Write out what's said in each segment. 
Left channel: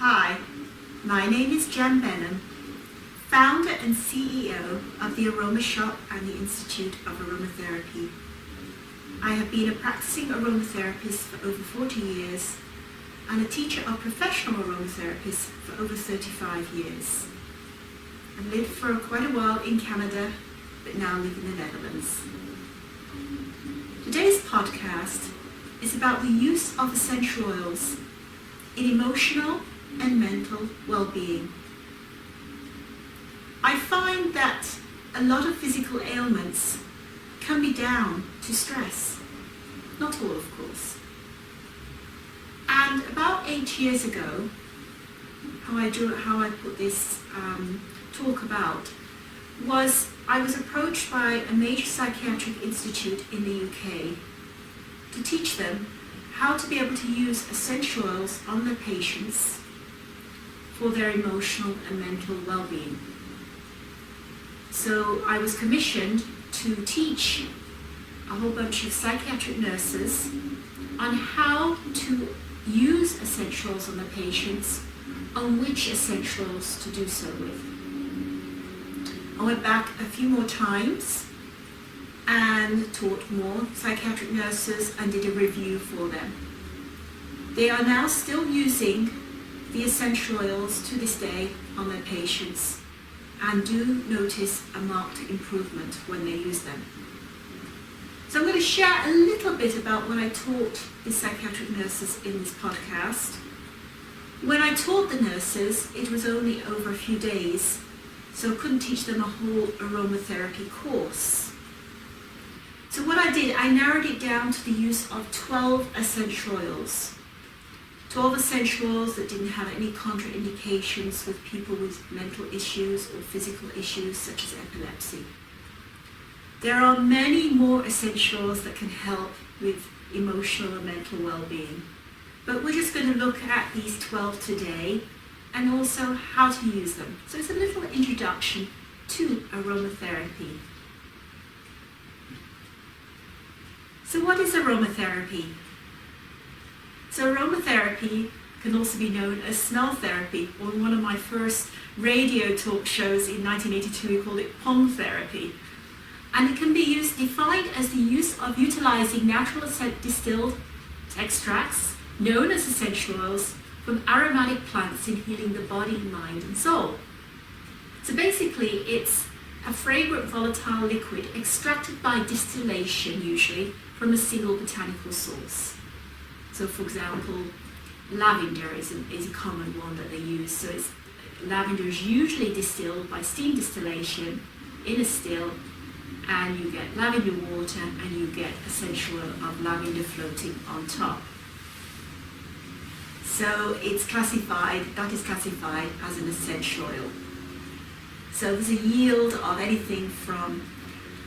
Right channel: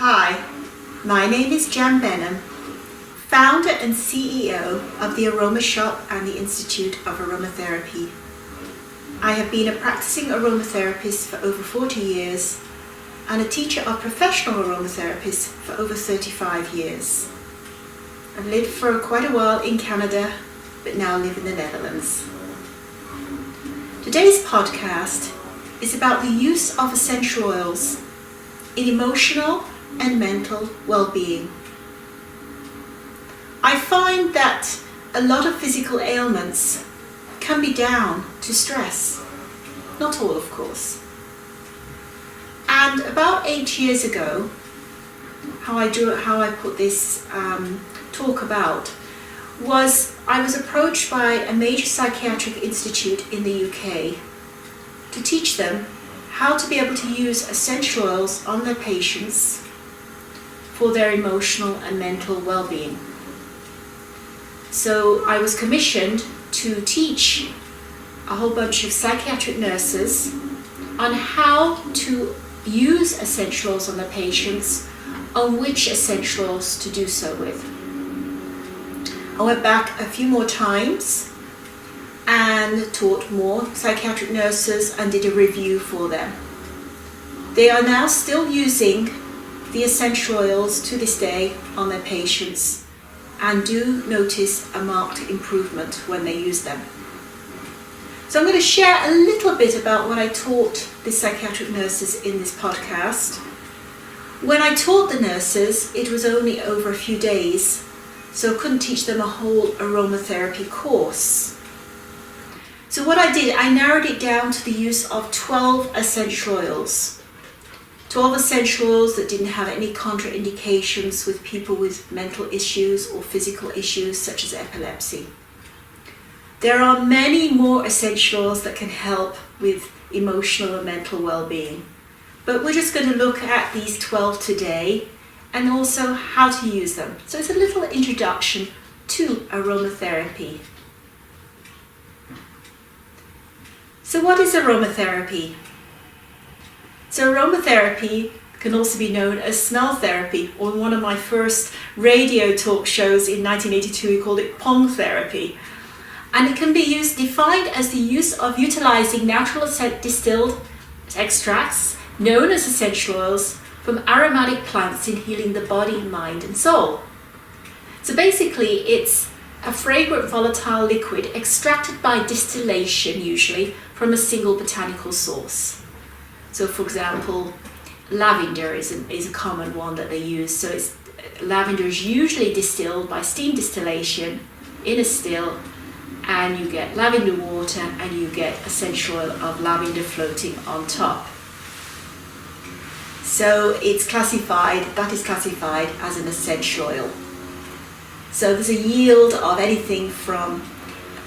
Hi, my name is Jan Benham, founder and CEO of the Aroma Shop and the Institute of Aromatherapy. I have been a practicing aromatherapist for over 40 years and a teacher of professional aromatherapists for over 35 years. I've lived for quite a while in Canada, but now live in the Netherlands. Today's podcast is about the use of essential oils in emotional and mental well-being. I find that a lot of physical ailments can be down to stress. Not all, of course. And about 8 years ago, how I put this talk about was I was approached by a major psychiatric institute in the UK to teach them how to be able to use essential oils on their patients for their emotional and mental well-being. So I was commissioned to teach a whole bunch of psychiatric nurses on how to use essential oils on their patients, on which essential oils to do so with. I went back a few more times and taught more psychiatric nurses and did a review for them. They are now still using the essential oils to this day on their patients and do notice a marked improvement when they use them. So I'm going to share a little bit about what I taught the psychiatric nurses in this podcast. When I taught the nurses, it was only over a few days, so I couldn't teach them a whole aromatherapy course. So what I did, I narrowed it down to the use of 12 essential oils. 12 essential oils that didn't have any contraindications with people with mental issues or physical issues such as epilepsy. There are many more essential oils that can help with emotional and mental well-being, but we're just going to look at these 12 today and also how to use them. So it's a little introduction to aromatherapy. So what is aromatherapy? So aromatherapy can also be known as smell therapy, or in one of my first radio talk shows in 1982 we called it pong therapy. And it can be defined as the use of utilizing natural distilled extracts known as essential oils from aromatic plants in healing the body, mind and soul. So basically it's a fragrant volatile liquid extracted by distillation, usually from a single botanical source. So for example, lavender is a common one that they use. So lavender is usually distilled by steam distillation in a still, and you get lavender water and you get essential oil of lavender floating on top. So that is classified as an essential oil. So there's a yield of anything from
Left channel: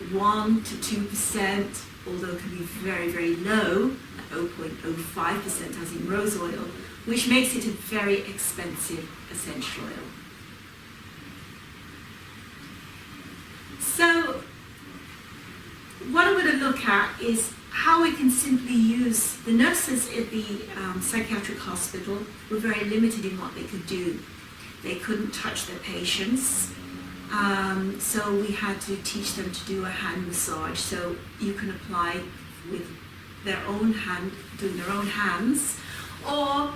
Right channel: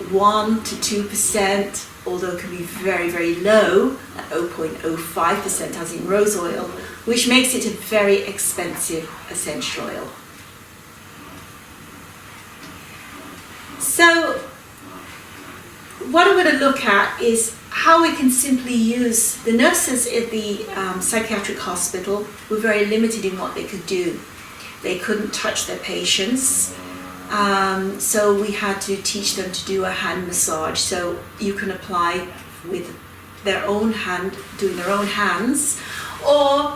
1 to 2%, although it can be very, very low at 0.05% as in rose oil, which makes it a very expensive essential oil. So what I'm going to look at is how we can simply use. The nurses at the psychiatric hospital were very limited in what they could do. They couldn't touch their patients. So we had to teach them to do a hand massage. So you can apply with their own hand, doing their own hands, or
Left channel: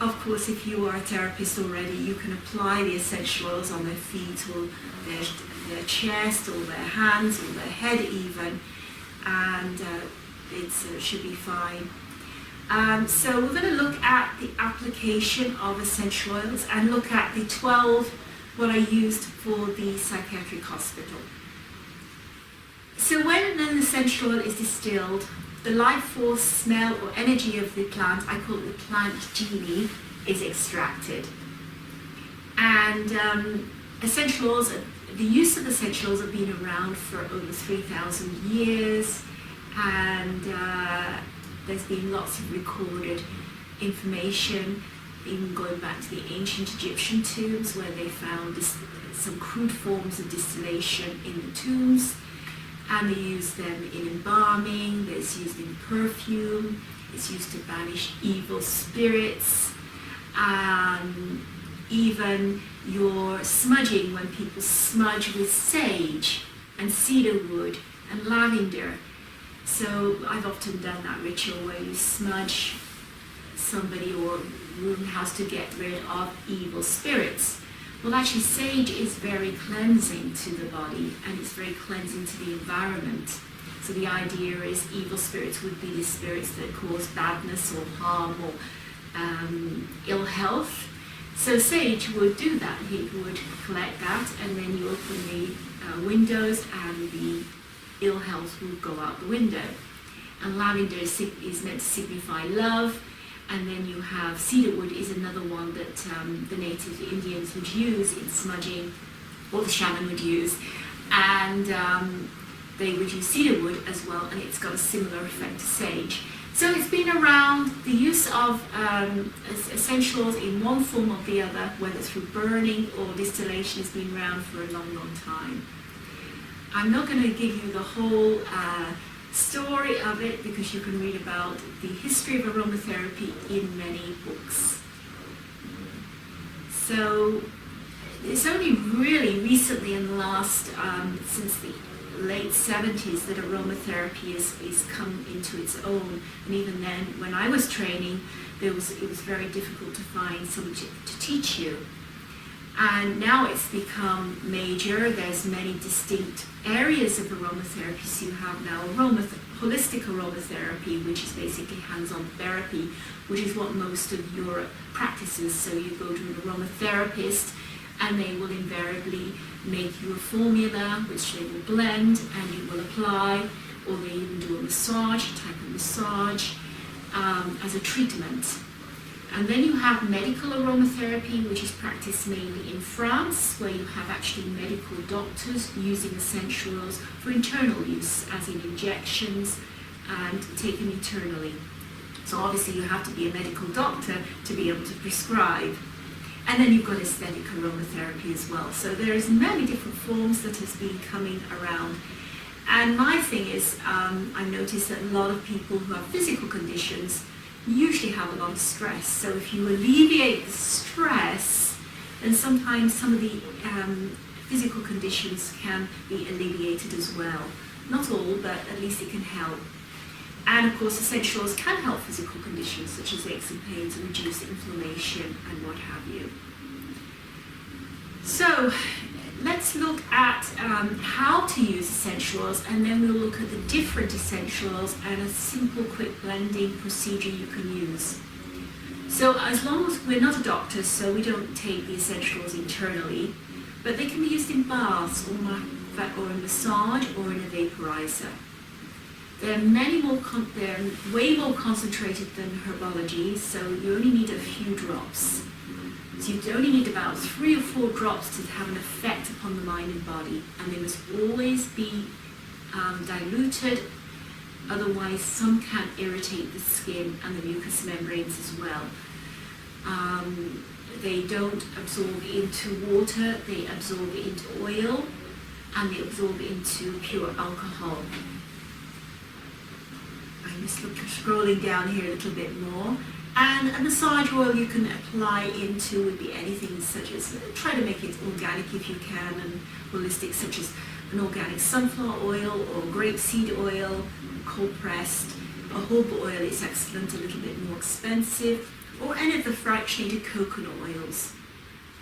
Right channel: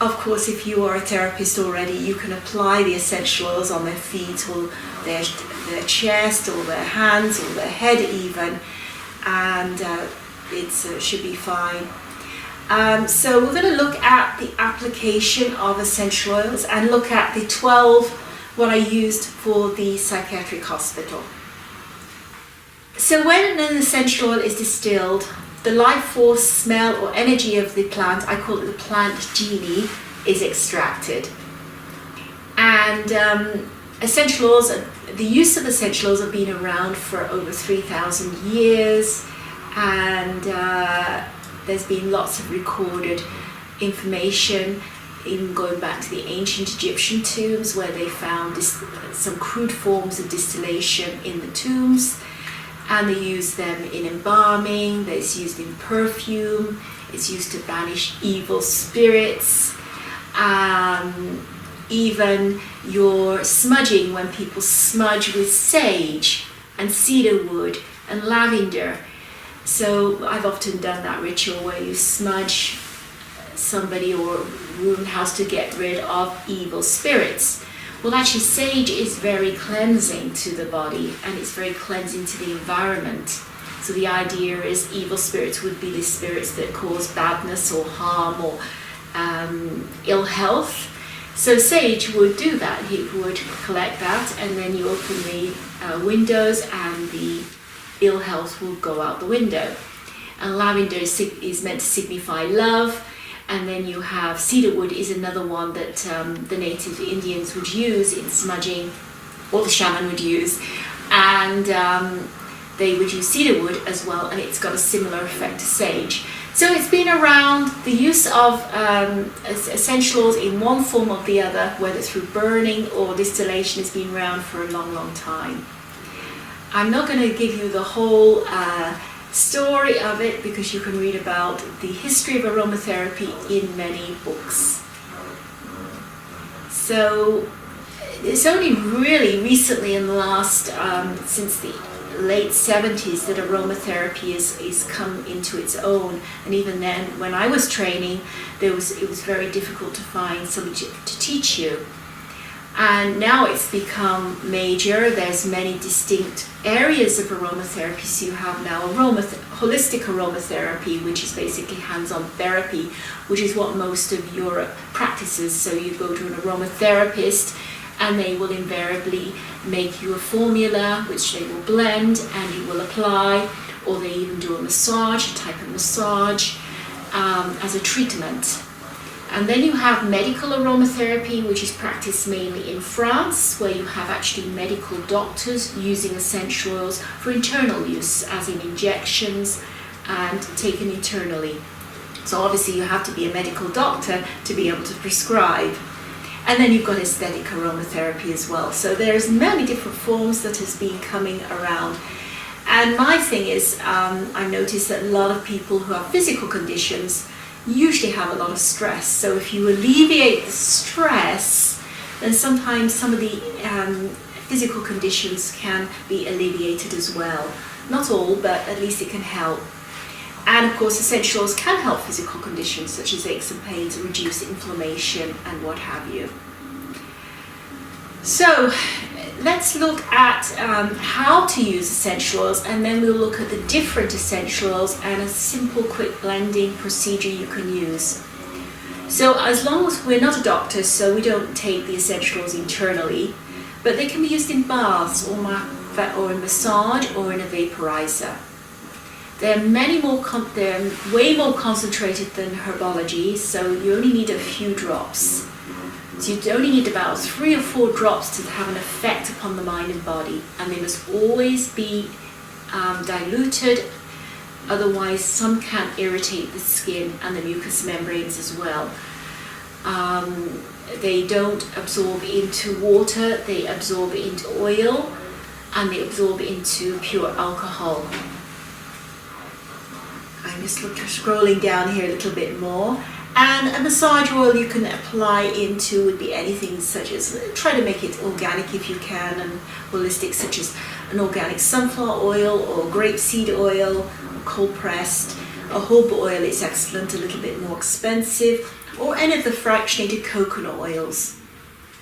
of course if you are a therapist already, you can apply the essential oils on their feet or their chest or their hands or their head even, and it should be fine. So we're going to look at the application of essential oils and look at the 12 what I used for the psychiatric hospital. So when an essential oil is distilled, the life force, smell or energy of the plant, I call it the plant genie, is extracted. And essential oils, the use of essential oils have been around for over 3,000 years, and there's been lots of recorded information, even going back to the ancient Egyptian tombs where they found some crude forms of distillation in the tombs, and they use them in embalming, it's used in perfume, it's used to banish evil spirits, and even your smudging, when people smudge with sage and cedarwood and lavender. So I've often done that ritual where you smudge somebody or room house to get rid of evil spirits. Well, actually, sage is very cleansing to the body, and it's very cleansing to the environment. So the idea is evil spirits would be the spirits that cause badness or harm or ill health. So sage would do that. He would collect that, and then you open the windows and the ill health will go out the window. And lavender is meant to signify love. And then you have cedarwood is another one that the native Indians would use in smudging, or the shaman would use. And they would use cedarwood as well, and it's got a similar effect to sage. So it's been around, the use of essential oils in one form or the other, whether through burning or distillation, has been around for a long, long time. I'm not going to give you the whole story of it, because you can read about the history of aromatherapy in many books. So it's only really recently in the last, since the late 70s, that aromatherapy is come into its own. And even then, when I was training, it was very difficult to find somebody to teach you. And now it's become major. There's many distinct areas of aromatherapy. So you have now holistic aromatherapy, which is basically hands-on therapy, which is what most of Europe practices. So you go to an aromatherapist, and they will invariably make you a formula, which they will blend and you will apply, or they even do a massage, a type of massage, as a treatment. And then you have medical aromatherapy, which is practiced mainly in France, where you have actually medical doctors using essential oils for internal use, as in injections and taken internally. So obviously you have to be a medical doctor to be able to prescribe. And then you've got aesthetic aromatherapy as well. So there's many different forms that has been coming around. And my thing is, I've noticed that a lot of people who have physical conditions usually have a lot of stress. So if you alleviate the stress, then sometimes some of the physical conditions can be alleviated as well. Not all, but at least it can help. And of course, essential oils can help physical conditions such as aches and pains, reduce inflammation and what have you. So let's look at how to use essential oils, and then we'll look at the different essential oils and a simple quick blending procedure you can use. So as long as we're not a doctor, so we don't take the essential oils internally, but they can be used in baths or in massage or in a vaporizer. They're way more concentrated than herbology, so you only need a few drops. So you only need about 3 or 4 drops to have an effect upon the mind and body, and they must always be diluted, otherwise some can irritate the skin and the mucous membranes as well. They don't absorb into water, they absorb into oil, and they absorb into pure alcohol. I'm just scrolling down here a little bit more. And a massage oil you can apply into would be anything such as, try to make it organic if you can, and holistic, such as an organic sunflower oil or grapeseed oil, or cold pressed. A jojoba oil is excellent, a little bit more expensive, or any of the fractionated coconut oils.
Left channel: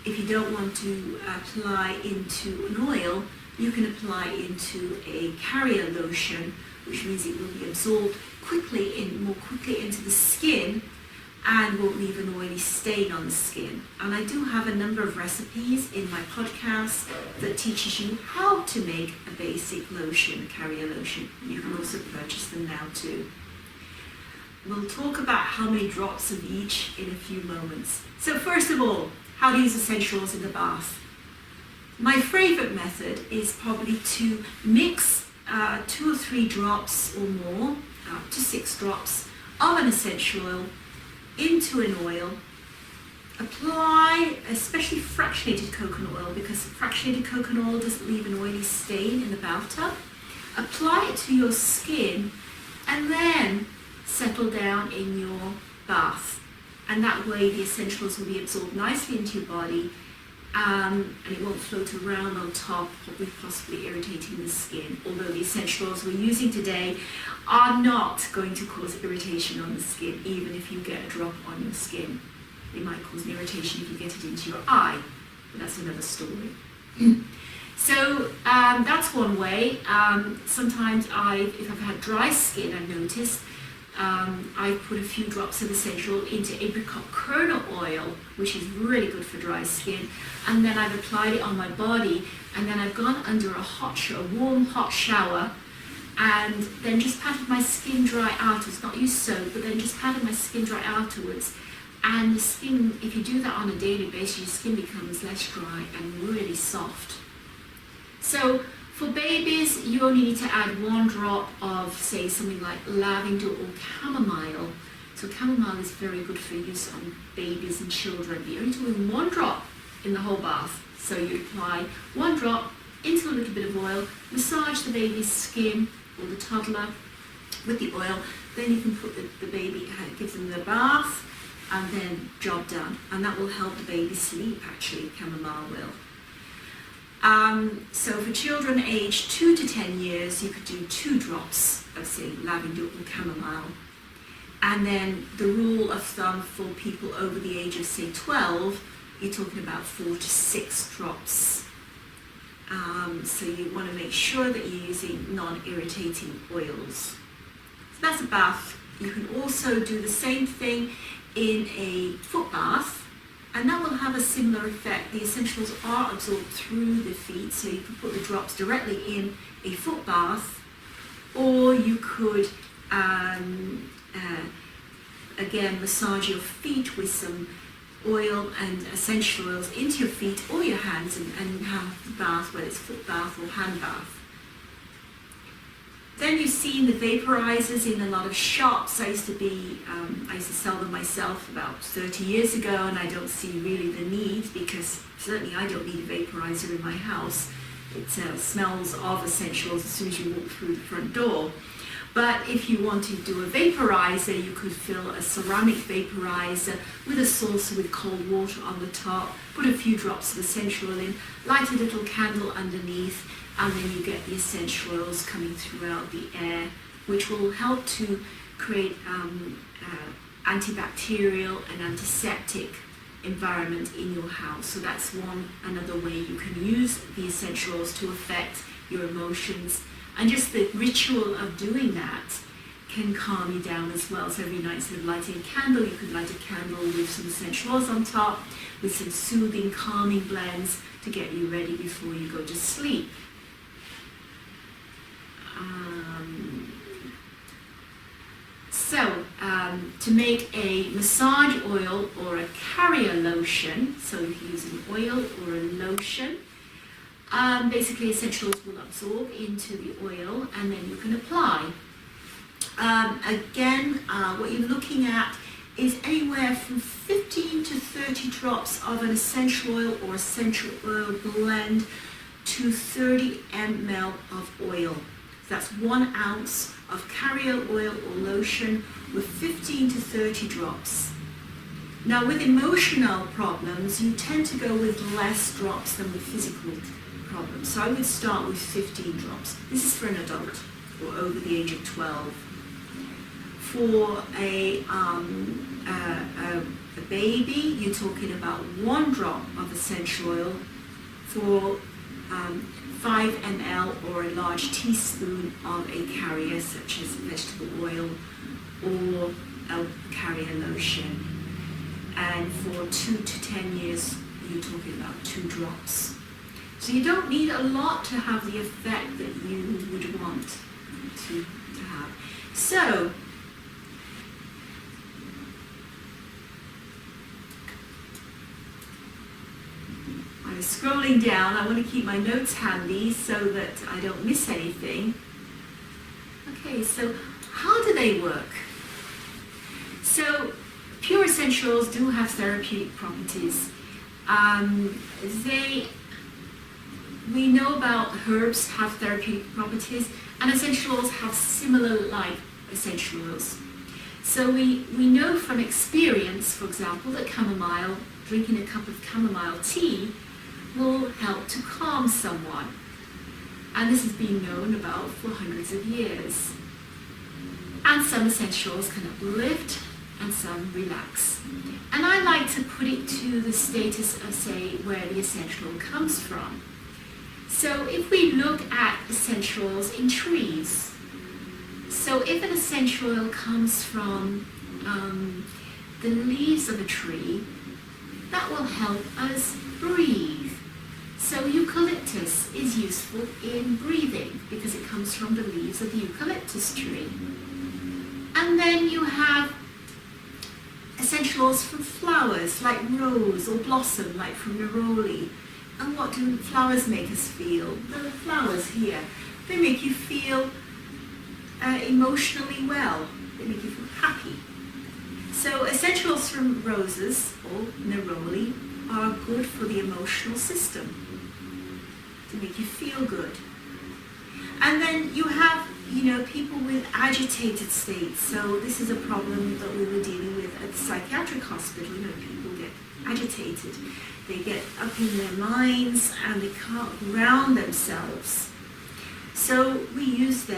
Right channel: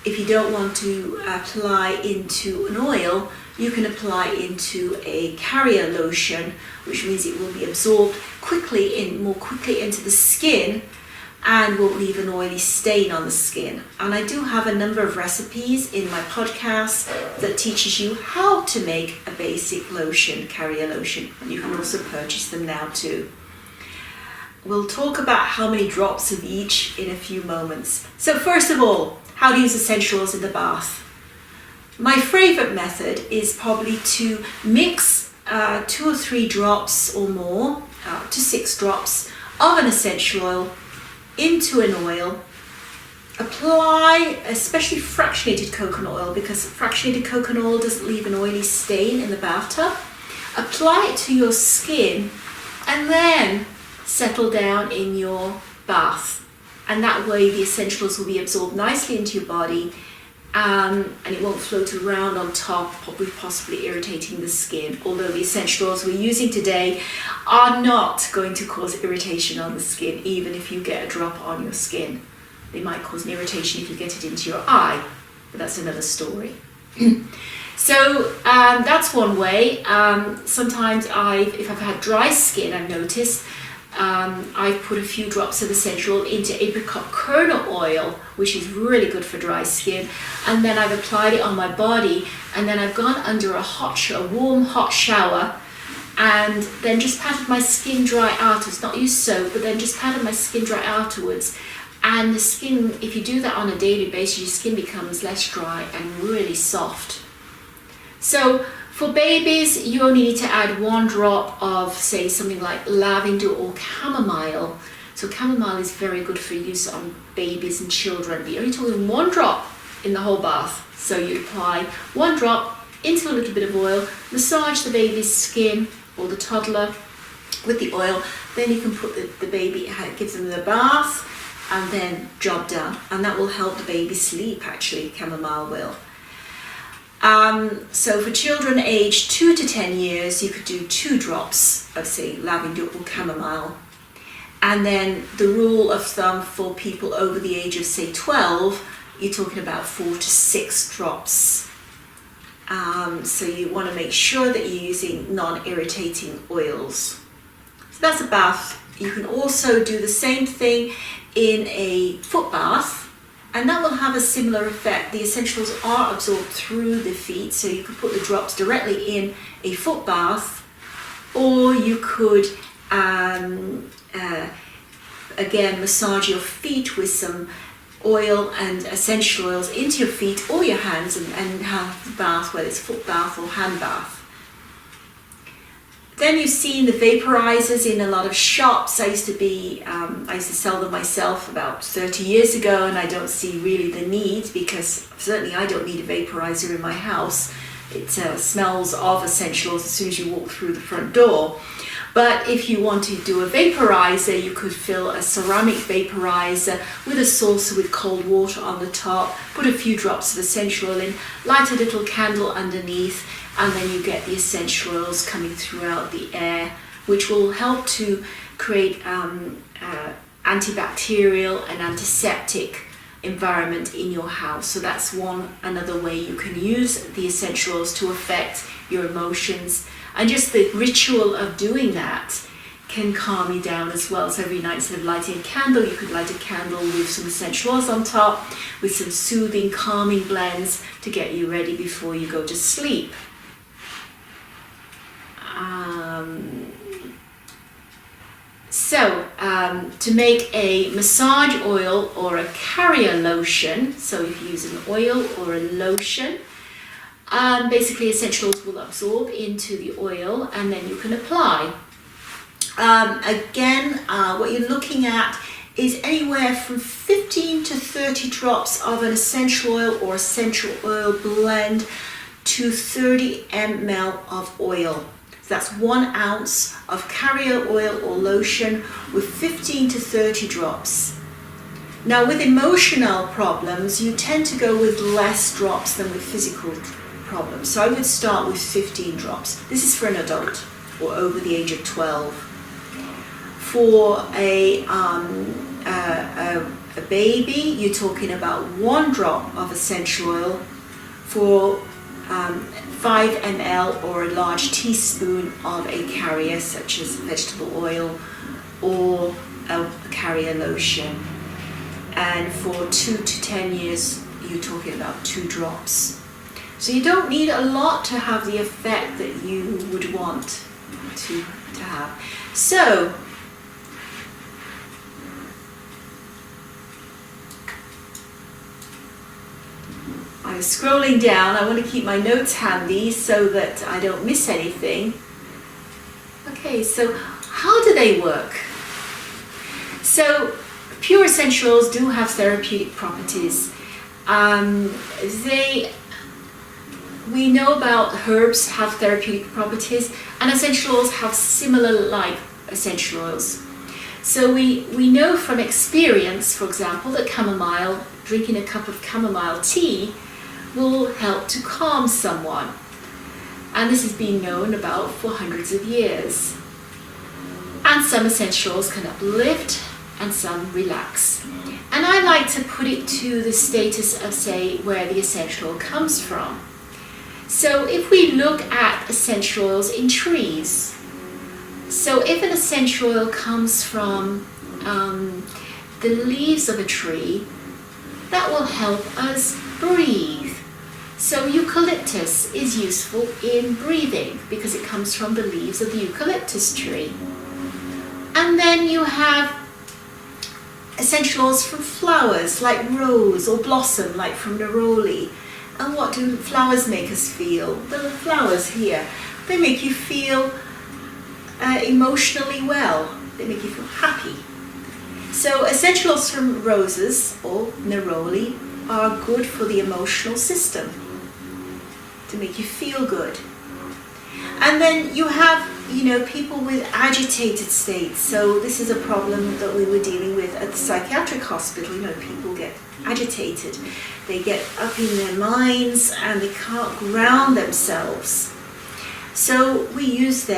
If you don't want to apply into an oil, you can apply into a carrier lotion, which means it will be absorbed more quickly into the skin and won't leave an oily stain on the skin. And I do have a number of recipes in my podcast that teaches you how to make a basic lotion, carrier lotion. And you can also purchase them now too. We'll talk about how many drops of each in a few moments. So first of all, how to use essential oils in the bath. My favorite method is probably to mix 2 or 3 drops or more, to 6 drops of an essential oil into an oil. Apply especially fractionated coconut oil, because fractionated coconut oil doesn't leave an oily stain in the bathtub. Apply it to your skin and then settle down in your bath and that way the essential oils will be absorbed nicely into your body, and it won't float around on top, possibly irritating the skin. Although the essential oils we're using today are not going to cause irritation on the skin, even if you get a drop on your skin. They might cause an irritation if you get it into your eye, but that's another story. So that's one way. Sometimes if I've had dry skin, I've noticed, I've put a few drops of essential oil into apricot kernel oil, which is really good for dry skin, and then I've applied it on my body, and then I've gone under a warm hot shower, and then just patted my skin dry afterwards, not used soap, but then just patted my skin dry afterwards. And the skin, if you do that on a daily basis, your skin becomes less dry and really soft. So for babies, you only need to add 1 drop of, say, something like lavender or chamomile. So chamomile is very good for use on babies and children, but you're only talking 1 drop in the whole bath. So you apply 1 drop into a little bit of oil, massage the baby's skin or the toddler with the oil, then you can put the baby, give them the bath, and then job done. And that will help the baby sleep, actually, chamomile will. So for children aged 2 to 10 years, you could do 2 drops of, say, lavender or chamomile. And then the rule of thumb for people over the age of, say, 12, you're talking about 4 to 6 drops. So you want to make sure that you're using non-irritating oils. So that's a bath. You can also do the same thing in a foot bath, and that will have a similar effect. The essentials are absorbed through the feet, so you could put the drops directly in a foot bath, or you could again massage your feet with some oil and essential oils into your feet or your hands, and have the bath, whether it's foot bath or hand bath. Then you've seen the vaporizers in a lot of shops. I used to sell them myself about 30 years ago, and I don't see really the need, because certainly I don't need a vaporizer in my house. It smells of essentials as soon as you walk through the front door. But if you want to do a vaporizer, you could fill a ceramic vaporizer with a saucer with cold water on the top, put a few drops of essential oil in, light a little candle underneath, and then you get the essential oils coming throughout the air, which will help to create antibacterial and antiseptic environment in your house. So that's another way you can use the essential oils to affect your emotions. And just the ritual of doing that can calm you down as well. So every night, instead of lighting a candle, you could light a candle with some essential oils on top, with some soothing, calming blends to get you ready before you go to sleep. To make a massage oil or a carrier lotion, so if you use an oil or a lotion, basically essential oils will absorb into the oil, and then you can apply. What you're looking at is anywhere from 15 to 30 drops of an essential oil or essential oil blend to 30 ml of oil. So that's 1 ounce of carrier oil or lotion with 15 to 30 drops. Now with emotional problems, you tend to go with less drops than with physical problems. So I would start with 15 drops. This is for an adult or over the age of 12. For a baby, you're talking about 1 drop of essential oil for 5 ml or a large teaspoon of a carrier, such as vegetable oil or a carrier lotion. And for 2 to 10 years, you're talking about 2 drops. So you don't need a lot to have the effect that you would want to have. So I'm scrolling down. I want to keep my notes handy so that I don't miss anything. Okay, so how do they work? So pure essential oils do have therapeutic properties. We know about herbs have therapeutic properties, and essential oils have similar like essential oils. So we know from experience, for example, that chamomile, drinking a cup of chamomile tea will help to calm someone. And this has been known about for hundreds of years. And some essential oils can uplift and some relax. And I like to put it to the status of, say, where the essential oil comes from. So if we look at essential oils in trees, so if an essential oil comes from the leaves of a tree, that will help us breathe. So eucalyptus is useful in breathing because it comes from the leaves of the eucalyptus tree. And then you have essential oils from flowers like rose, or blossom like from Neroli. And what do flowers make us feel? The flowers here, they make you feel emotionally well. They make you feel happy. So essential oils from roses or Neroli are good for the emotional system, to make you feel good. And then you have, people with agitated states. So this is a problem that we were dealing with at the psychiatric hospital. People get agitated. They get up in their minds and they can't ground themselves. So we use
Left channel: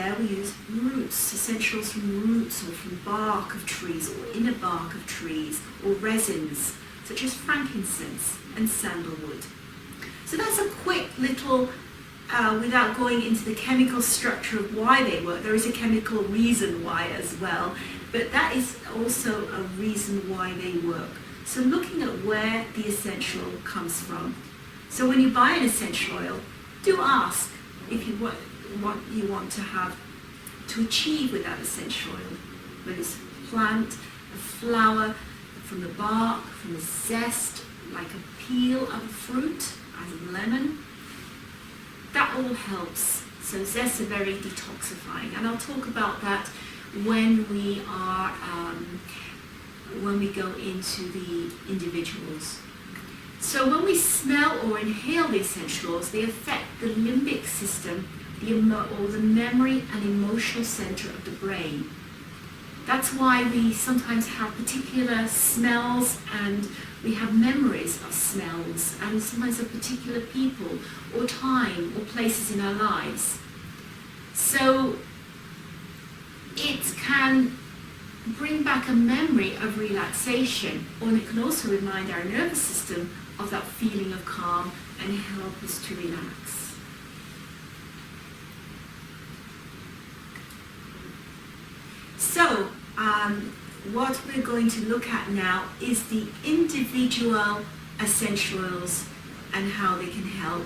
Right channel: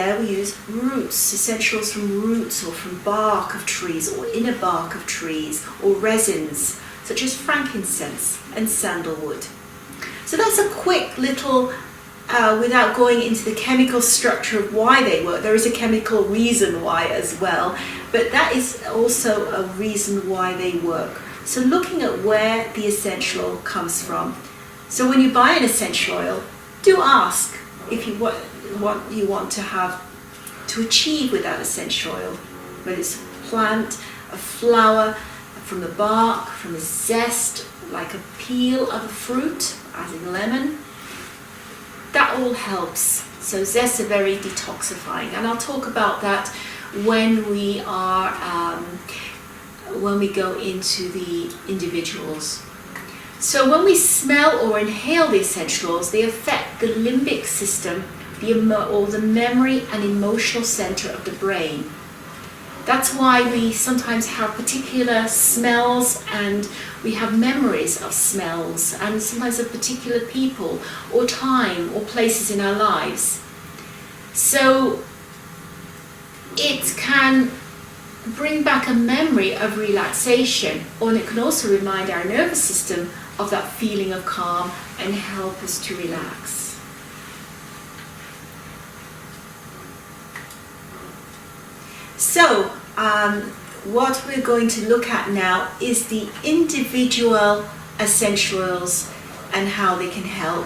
roots, essentials from roots or from bark of trees or inner bark of trees, or resins such as frankincense and sandalwood. So that's a quick little, without going into the chemical structure of why they work. There is a chemical reason why as well, but that is also a reason why they work. So looking at where the essential oil comes from. So when you buy an essential oil, do ask if you what you want to have to achieve with that essential oil, whether it's a plant, a flower, from the bark, from the zest, like a peel of a fruit, as in lemon. That all helps. So zests are very detoxifying, and I'll talk about that when we go into the individuals. So when we smell or inhale the essential oils, they affect the limbic system, or the memory and emotional center of the brain. That's why we sometimes have particular smells, and we have memories of smells, and sometimes of particular people or time or places in our lives. So it can bring back a memory of relaxation, and it can also remind our nervous system of that feeling of calm and help us to relax. So what we're going to look at now is the individual essential oils and how they can help,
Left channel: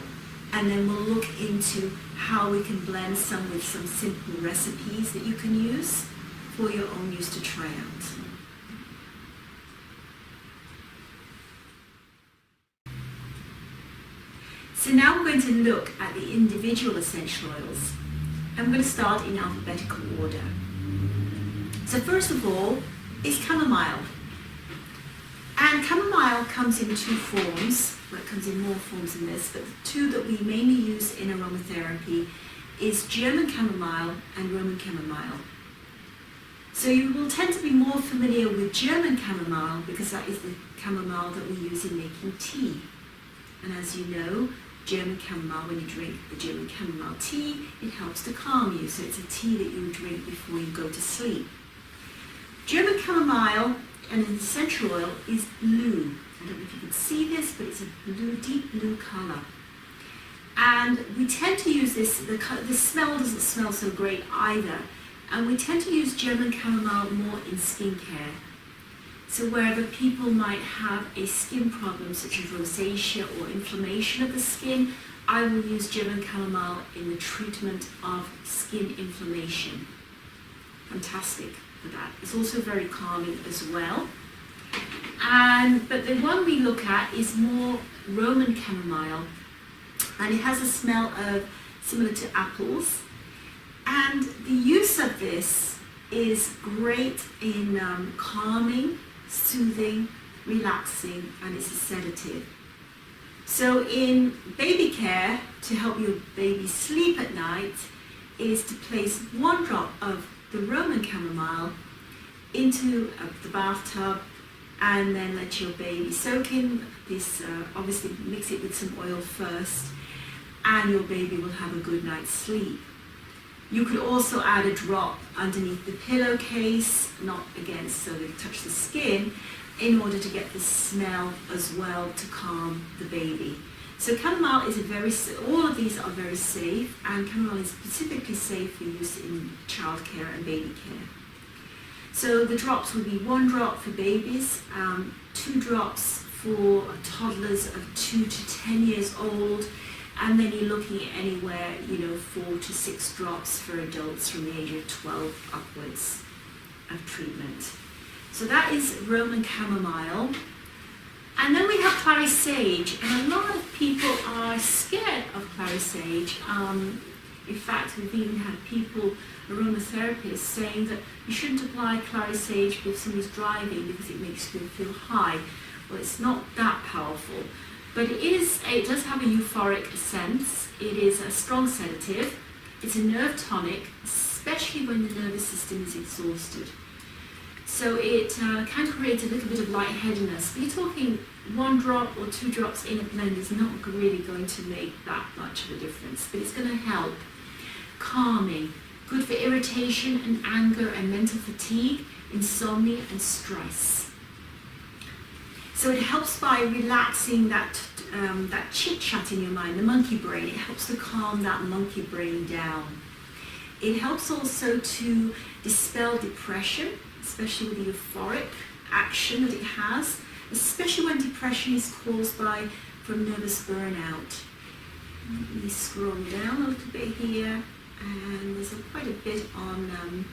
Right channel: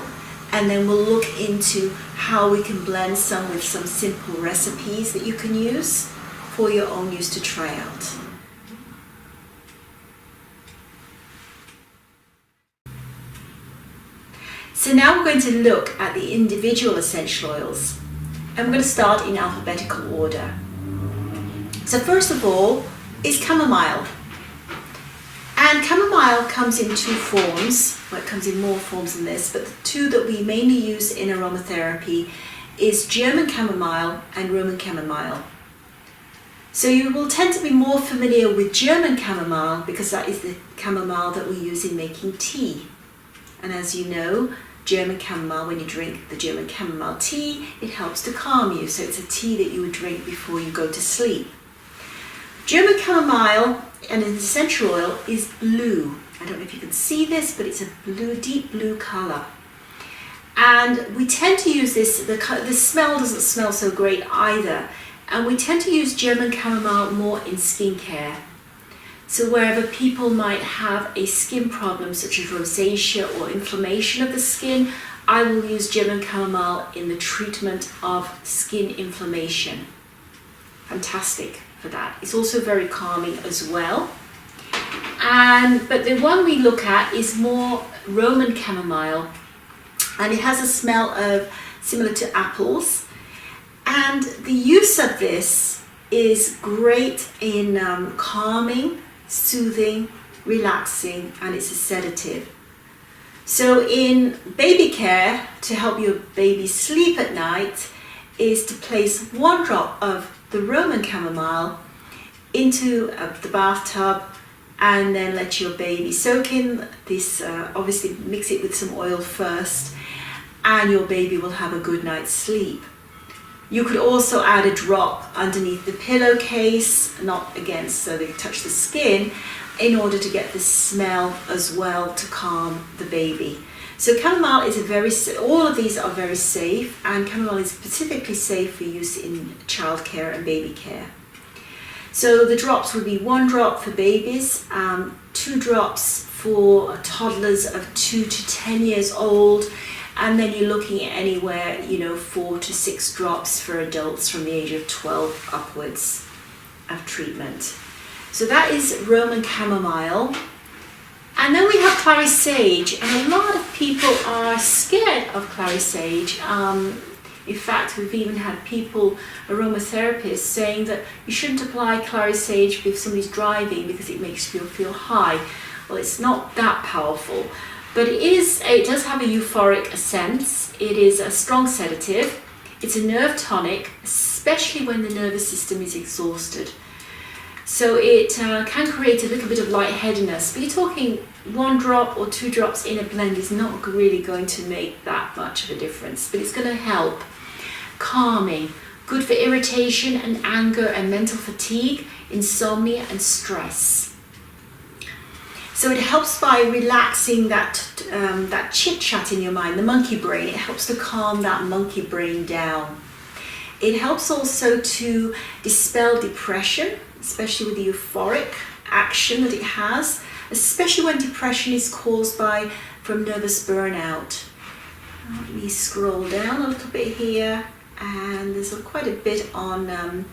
and then we'll look into how we can blend some with some simple recipes that you can use for your own use to try out. So now we're going to look at the individual essential oils, and we're going to start in alphabetical order. So first of all is chamomile. And chamomile comes in two forms. Well, it comes in more forms than this, but the two that we mainly use in aromatherapy is German chamomile and Roman chamomile. So you will tend to be more familiar with German chamomile because that is the chamomile that we use in making tea. And as you know, German chamomile, when you drink the German chamomile tea, it helps to calm you. So it's a tea that you would drink before you go to sleep. German chamomile and an essential oil is blue. I don't know if you can see this, but it's a blue, deep blue color. And we tend to use this, the smell doesn't smell so great either. And we tend to use German chamomile more in skincare. So wherever people might have a skin problem such as rosacea or inflammation of the skin, I will use German chamomile in the treatment of skin inflammation. Fantastic for that. It's also very calming as well. But the one we look at is more Roman chamomile, and it has a smell similar to apples. And the use of this is great in calming, soothing, relaxing, and it's a sedative. So in baby care, to help your baby sleep at night, is to place 1 drop of the Roman chamomile into the bathtub, and then let your baby soak in this. Obviously mix it with some oil first, and your baby will have a good night's sleep. You could also add a drop underneath the pillowcase, not again so they touch the skin, in order to get the smell as well to calm the baby. So chamomile is all of these are very safe, and chamomile is specifically safe for use in childcare and baby care. So the drops would be 1 drop for babies, 2 drops for toddlers of 2 to 10 years old, and then you're looking at anywhere, 4 to 6 drops for adults from the age of 12 upwards of treatment. So that is Roman chamomile. And then we have Clary Sage, and a lot of people are scared of Clary Sage. In fact, we've even had people, aromatherapists, saying that you shouldn't apply Clary Sage if somebody's driving because it makes you feel high. Well, it's not that powerful, but it does have a euphoric sense. It is a strong sedative. It's a nerve tonic, especially when the nervous system is exhausted. So it can create a little bit of lightheadedness, but you're talking 1 drop or 2 drops in a blend is not really going to make that much of a difference, but it's going to help. Calming, good for irritation and anger and mental fatigue, insomnia and stress. So it helps by relaxing that chit-chat in your mind, the monkey brain. It helps to calm that monkey brain down. It helps also to dispel depression, especially with the euphoric action that it has, especially when depression is caused from nervous burnout. Let me scroll down a little bit here, and there's quite a bit on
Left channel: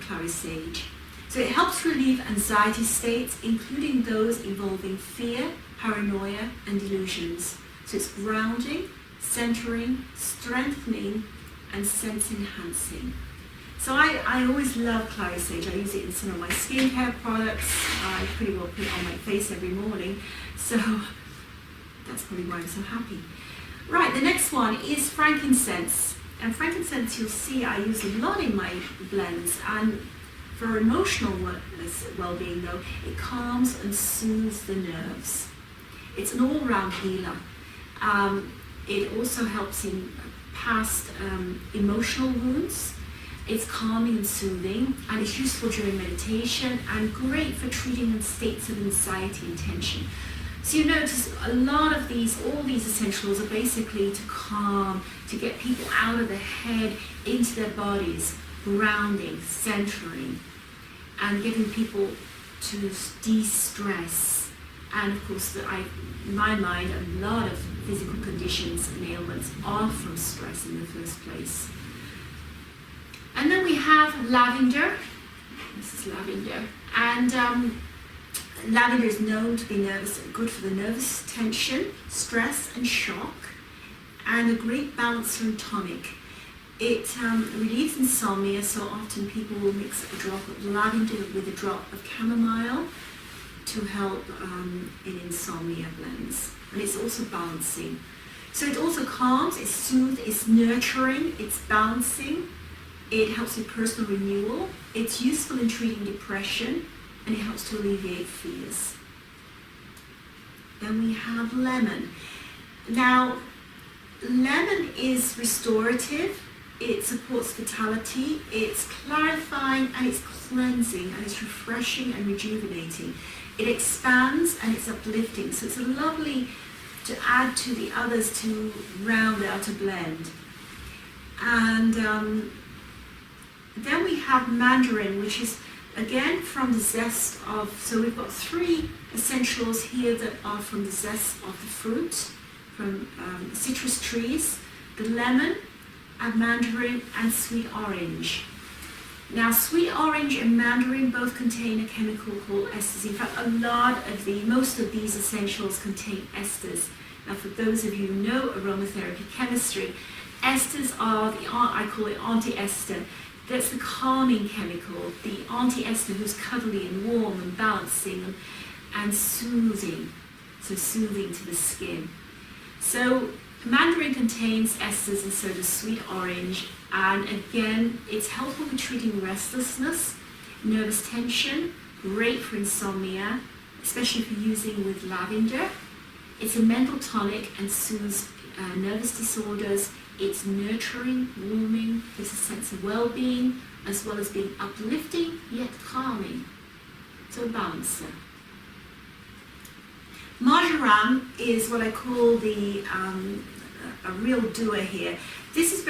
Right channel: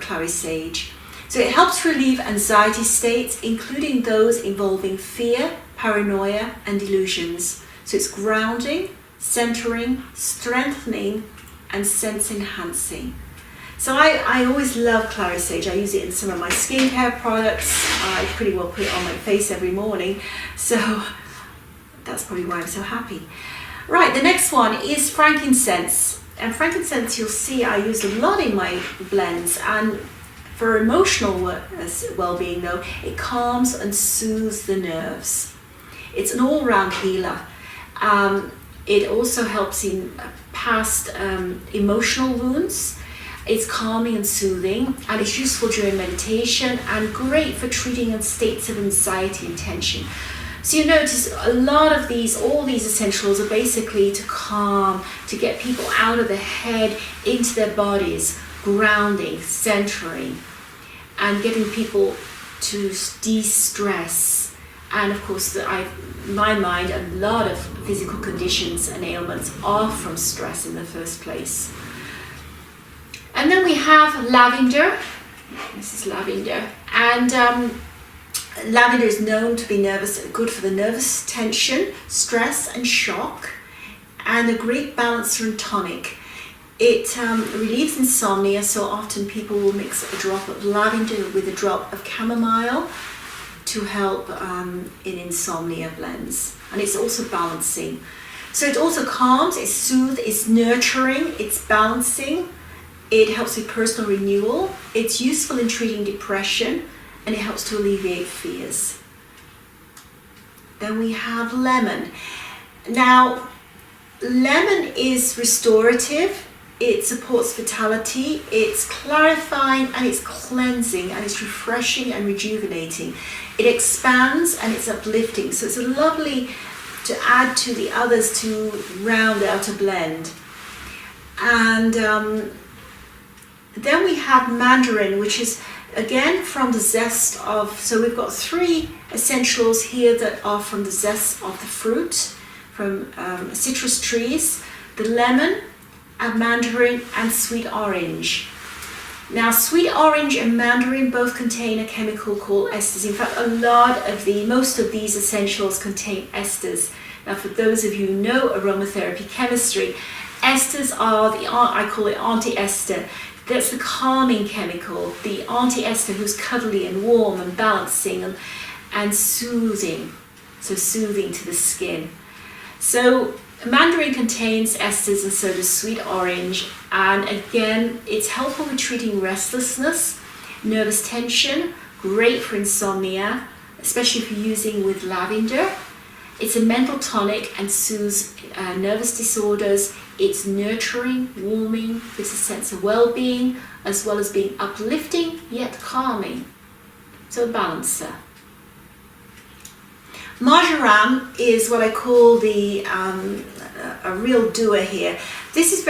Clary Sage. So it helps relieve anxiety states, including those involving fear, paranoia, and delusions. So it's grounding, centering, strengthening, and sense enhancing. So I always love Clary Sage. I use it in some of my skincare products. I pretty well put it on my face every morning. So that's probably why I'm so happy. Right, the next one is frankincense. And frankincense, you'll see I use a lot in my blends. And for emotional well-being though, it calms and soothes the nerves. It's an all-round healer. It also helps in past emotional wounds. It's calming and soothing, and it's useful during meditation and great for treating states of anxiety and tension. So you notice a lot of all these essentials are basically to calm, to get people out of the head into their bodies, grounding, centering, and getting people to de-stress. And of course, in my mind, a lot of physical conditions and ailments are from stress in the first place. And then we have lavender. This is lavender. And lavender is known to be good for the nervous tension, stress and shock, and a great balancer and tonic. It relieves insomnia, so often people will mix a drop of lavender with a drop of chamomile to help in insomnia blends. And it's also balancing. So it also calms, it's soothes, it's nurturing, it's balancing. It helps with personal renewal. It's useful in treating depression, and it helps to alleviate fears. Then we have lemon. Now, lemon is restorative. It supports vitality. It's clarifying and it's cleansing and it's refreshing and rejuvenating. It expands and it's uplifting. So it's a lovely to add to the others to round out a blend. And then we have mandarin, which is again from the zest of, so we've got 3 essentials here that are from the zest of the fruit, from citrus trees, the lemon, and mandarin, and sweet orange. Now, sweet orange and mandarin both contain a chemical called esters. In fact, most of these essentials contain esters. Now, for those of you who know aromatherapy chemistry, esters are I call it anti-ester. That's the calming chemical, the anti-ester who's cuddly and warm and balancing and soothing, so soothing to the skin. So mandarin contains esters and so does sweet orange, and again, it's helpful with treating restlessness. nervous tension, great for insomnia, especially if you're using with lavender. It's a mental tonic and soothes nervous disorders. It's nurturing, warming, gives a sense of well-being, as well as being uplifting yet calming. So a balancer. Marjoram is what I call the a real doer here. This is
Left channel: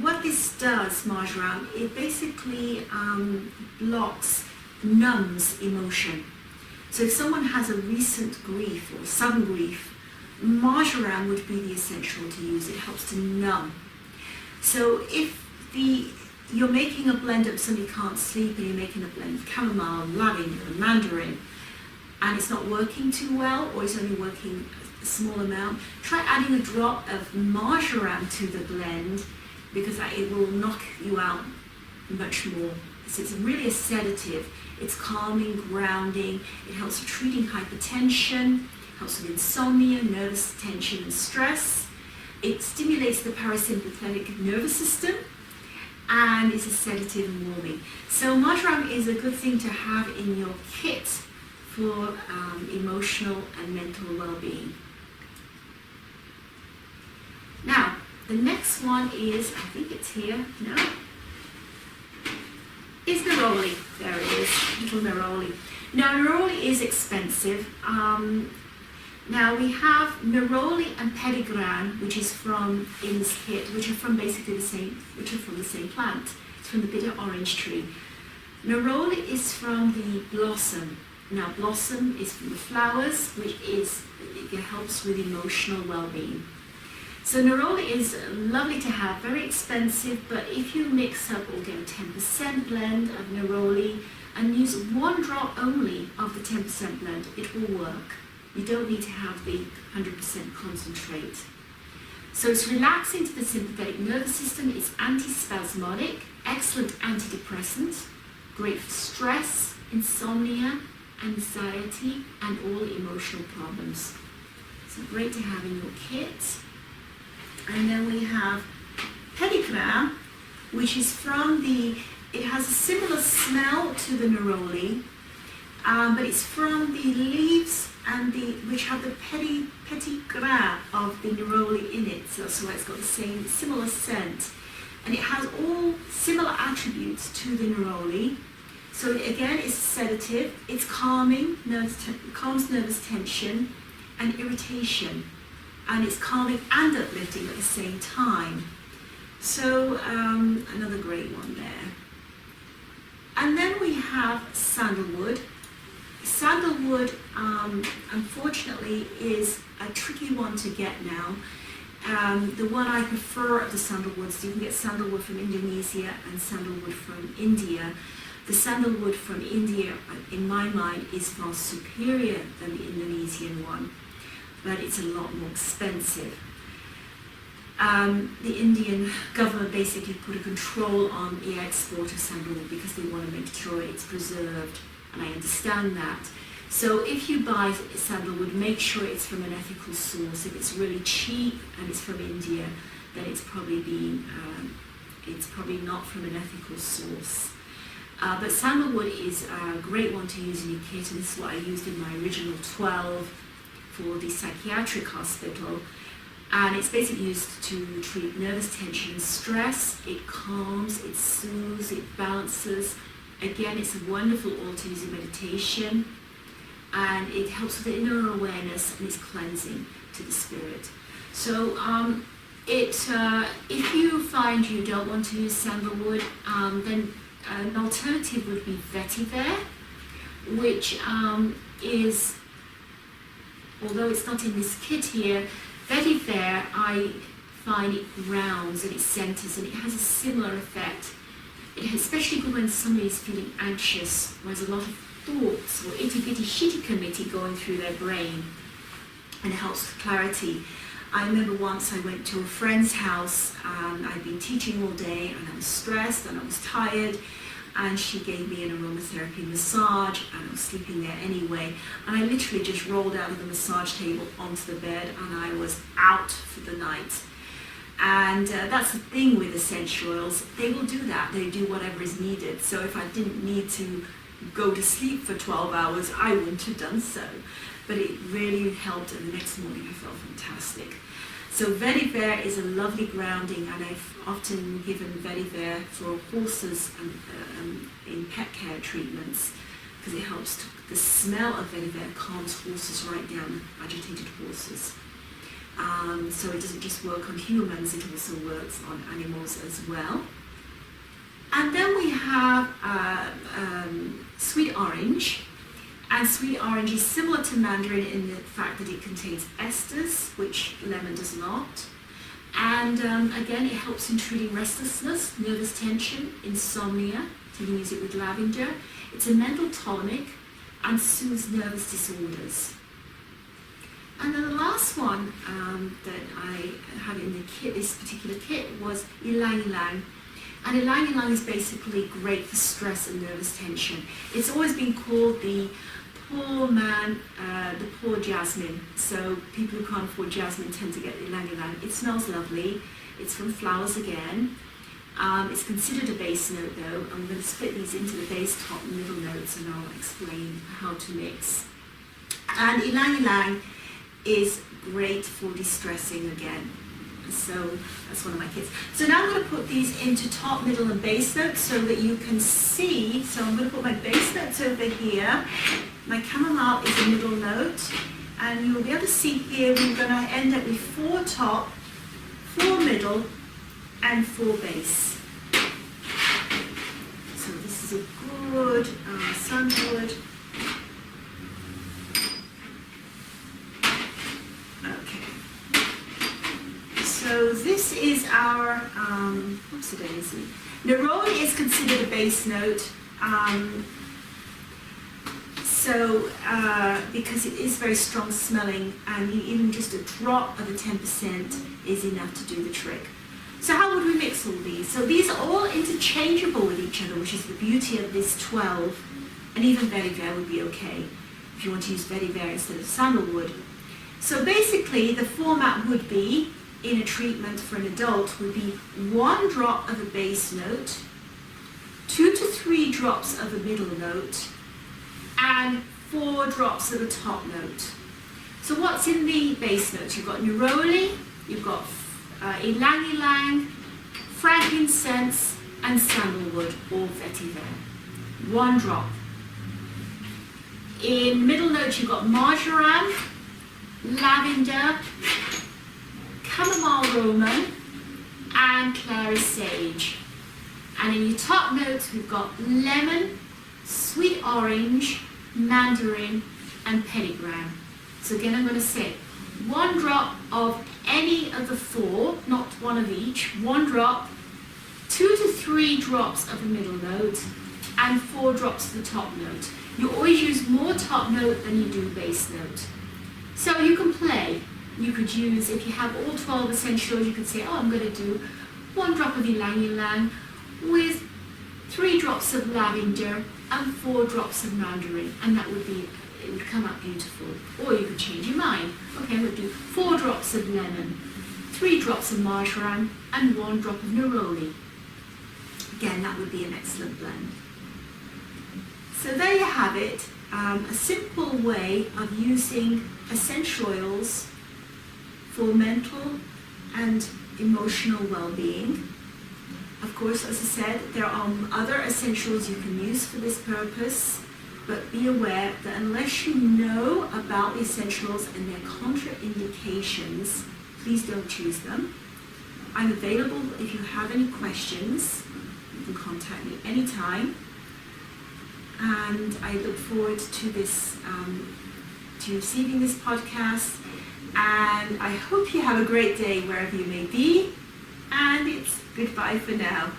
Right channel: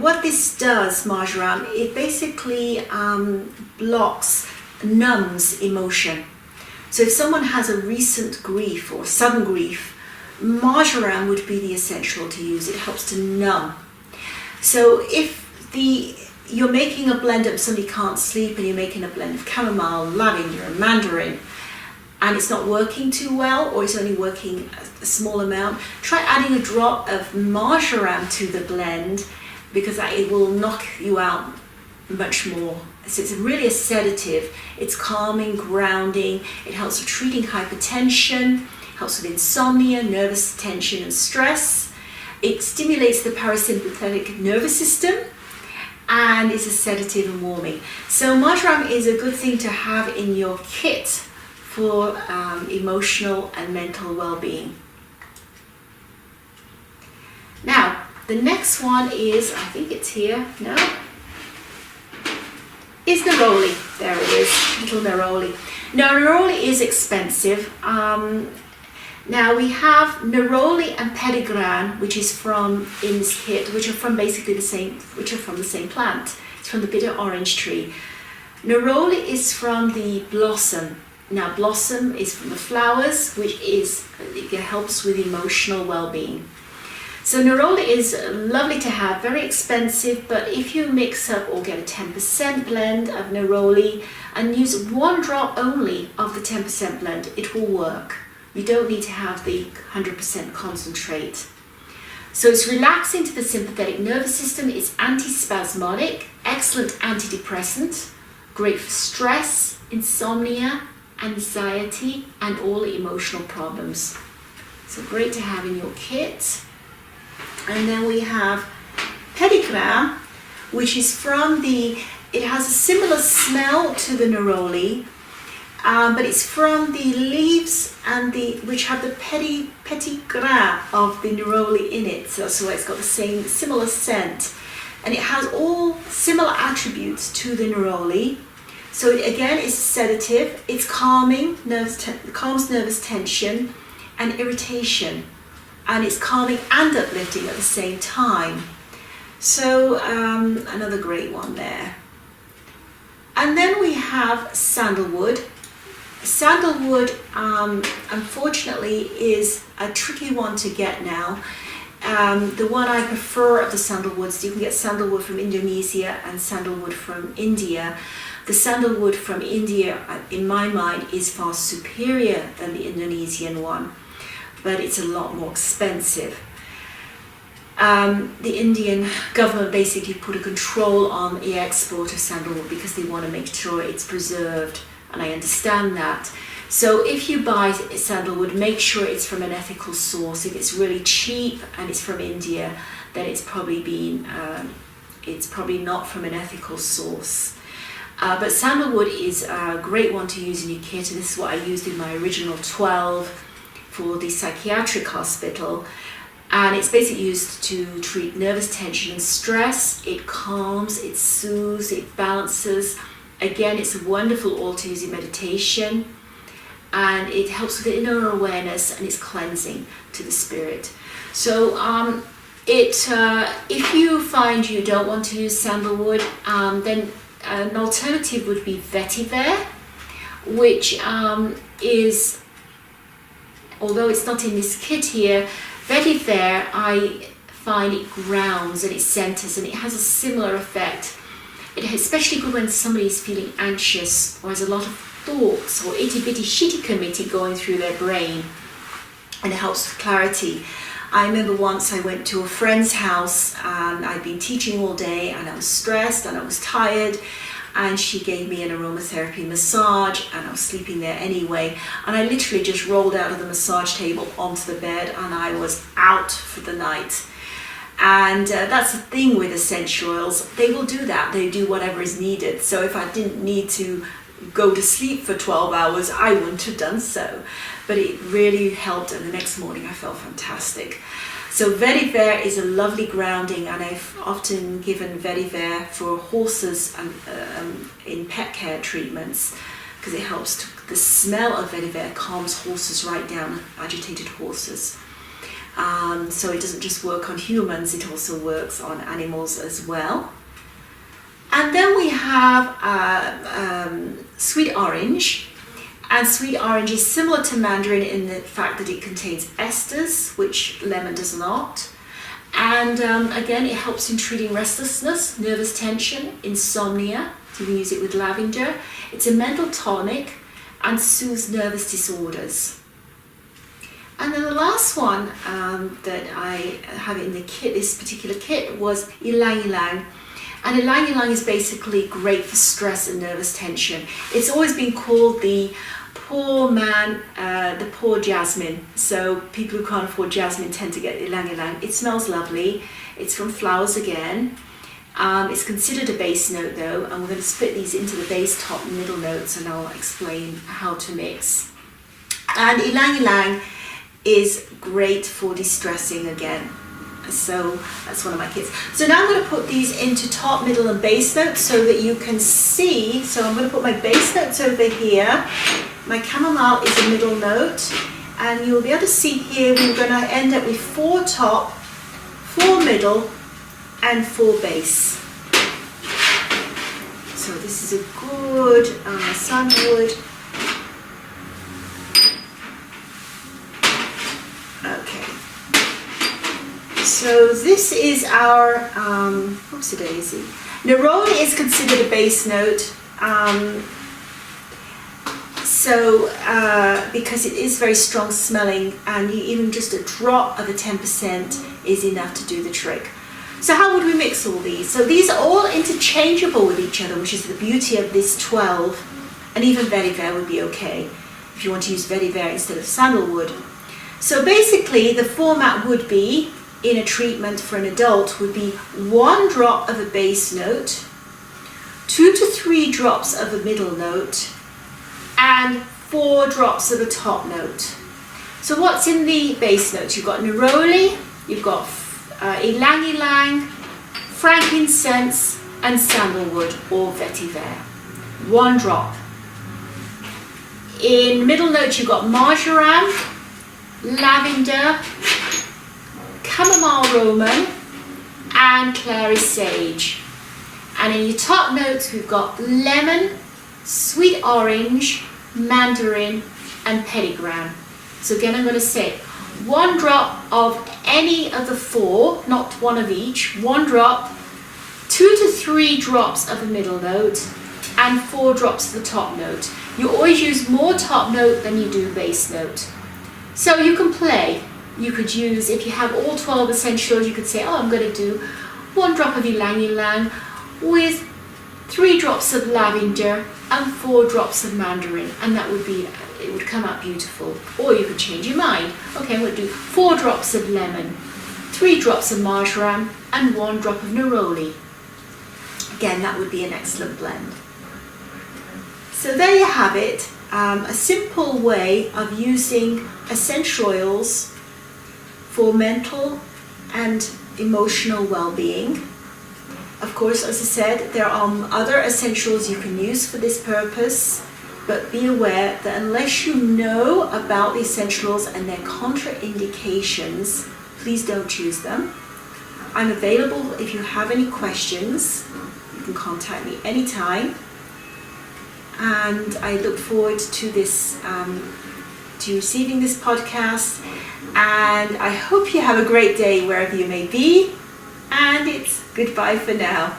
what this does, marjoram, it basically numbs emotion. So if someone has a recent grief or sudden grief, marjoram would be the essential to use. It helps to numb. So if you're making a blend of somebody can't sleep and you're making a blend of chamomile, lavender and mandarin, and it's not working too well, or it's only working a small amount, try adding a drop of marjoram to the blend, because it will knock you out much more. So it's really a sedative. It's calming, grounding. It helps with treating hypertension, helps with insomnia, nervous tension and stress. It stimulates the parasympathetic nervous system, and is a sedative and warming. So marjoram is a good thing to have in your kit for emotional and mental well-being. Now, the next one is, I think it's here, no? Is Neroli. There it is, little Neroli. Now, Neroli is expensive. Now we have Neroli and Pedigree, which is from in this kit, which are from basically from the same plant. It's from the bitter orange tree. Neroli is from the blossom. Now, blossom is from the flowers, which it helps with emotional well-being. So Neroli is lovely to have, very expensive, but if you mix up or get a 10% blend of Neroli and use 1 drop only of the 10% blend, it will work. You don't need to have the 100% concentrate. So it's relaxing to the sympathetic nervous system, it's antispasmodic, excellent antidepressant, great for stress, insomnia, anxiety, and all the emotional problems. So great to have in your kit. And then we have Pedigree, which is it has a similar smell to the Neroli, but it's from the leaves and which have the Pedigree of the Neroli in it. So it's got the similar scent, and it has all similar attributes to the Neroli. So again, it's sedative, it's calming, calms nervous tension and irritation, and it's calming and uplifting at the same time. So another great one there. And then we have sandalwood. Sandalwood, unfortunately, is a tricky one to get now. The one I prefer of the sandalwoods, you can get sandalwood from Indonesia and sandalwood from India. The sandalwood from India, in my mind, is far superior than the Indonesian one, but it's a lot more expensive. The Indian government basically put a control on the export of sandalwood because they want to make sure it's preserved, and I understand that. So if you buy sandalwood, make sure it's from an ethical source. If it's really cheap and it's from India, then it's probably not from an ethical source. But sandalwood is a great one to use in your kit, and this is what I used in my original 12 for the Psychiatric Hospital. And it's basically used to treat nervous tension and stress. It calms, it soothes, it balances. Again, it's a wonderful oil to use in meditation, and it helps with inner awareness, and it's cleansing to the spirit. So if you find you don't want to use sandalwood, then an alternative would be vetiver, which is, although it's not in this kit here, vetiver, I find it grounds and it centers, and it has a similar effect. It is especially good when somebody is feeling anxious or has a lot of thoughts or itty-bitty shitty committee going through their brain, and it helps with clarity. I remember once I went to a friend's house and I'd been teaching all day and I was stressed and I was tired, and she gave me an aromatherapy massage, and I was sleeping there anyway, and I literally just rolled out of the massage table onto the bed and I was out for the night. And that's the thing with essential oils. They will do that. They do whatever is needed. So if I didn't need to go to sleep for 12 hours, I wouldn't have done so. But it really helped, and the next morning I felt fantastic. So vetiver is a lovely grounding, and I've often given vetiver for horses in pet care treatments, because it helps the smell of vetiver calms horses right down, agitated horses. So it doesn't just work on humans, it also works on animals as well. And then we have sweet orange. And sweet orange is similar to mandarin in the fact that it contains esters, which lemon does not. And again, it helps in treating restlessness, nervous tension, insomnia. You can use it with lavender. It's a mental tonic and soothes nervous disorders. And then the last one that I have in the kit, this particular kit, was Ilangilang. And Ilangilang is basically great for stress and nervous tension. It's always been called the poor man, the poor jasmine. So people who can't afford jasmine tend to get Ilangilang. It smells lovely. It's from flowers again. It's considered a base note though, and we're going to split these into the base, top, and middle notes, and I'll explain how to mix. And Ilangilang is great for distressing again. So that's one of my kits. So now I'm going to put these into top, middle, and base notes so that you can see. So I'm going to put my base notes over here. My chamomile is a middle note, and you'll be able to see here we're going to end up with 4 top, 4 middle, and 4 base. So this is a good sandalwood. Okay. So this is our, whoopsie daisy. Neroli is considered a base note. Because it is very strong smelling, and even just a drop of a 10% is enough to do the trick. So how would we mix all these? So these are all interchangeable with each other, which is the beauty of this 12, and even vetiver would be okay if you want to use vetiver instead of sandalwood. So basically the format would be, in a treatment for an adult, would be 1 drop of a base note, 2 to 3 drops of a middle note, and 4 drops of a top note. So what's in the base notes? You've got neroli, you've got Ilangilang, frankincense, and sandalwood or vetiver. 1 drop. In middle notes you've got marjoram, lavender, chamomile roman, and Clary Sage. And in your top notes we've got lemon, sweet orange, mandarin, and Pedigree. So again, I'm going to say 1 drop of any of the 4, not 1 of each, 1 drop, 2 to 3 drops of a middle note, and 4 drops of the top note. You always use more top note than you do base note. So you can play. You could use, if you have all 12 essentials, you could say, oh, I'm going to do 1 drop of Ilangilang with 3 drops of lavender and 4 drops of mandarin, and that would be, it would come out beautiful. Or you could change your mind. Okay, I'm going to do 4 drops of lemon, 3 drops of marjoram, and 1 drop of neroli. Again, that would be an excellent blend. So there you have it, a simple way of using essential oils for mental and emotional well-being. Of course, as I said, there are other essentials you can use for this purpose, but be aware that unless you know about the essentials and their contraindications, please don't use them. I'm available if you have any questions. You can contact me anytime. And I look forward to this, to receiving this podcast. And I hope you have a great day wherever you may be. And it's goodbye for now.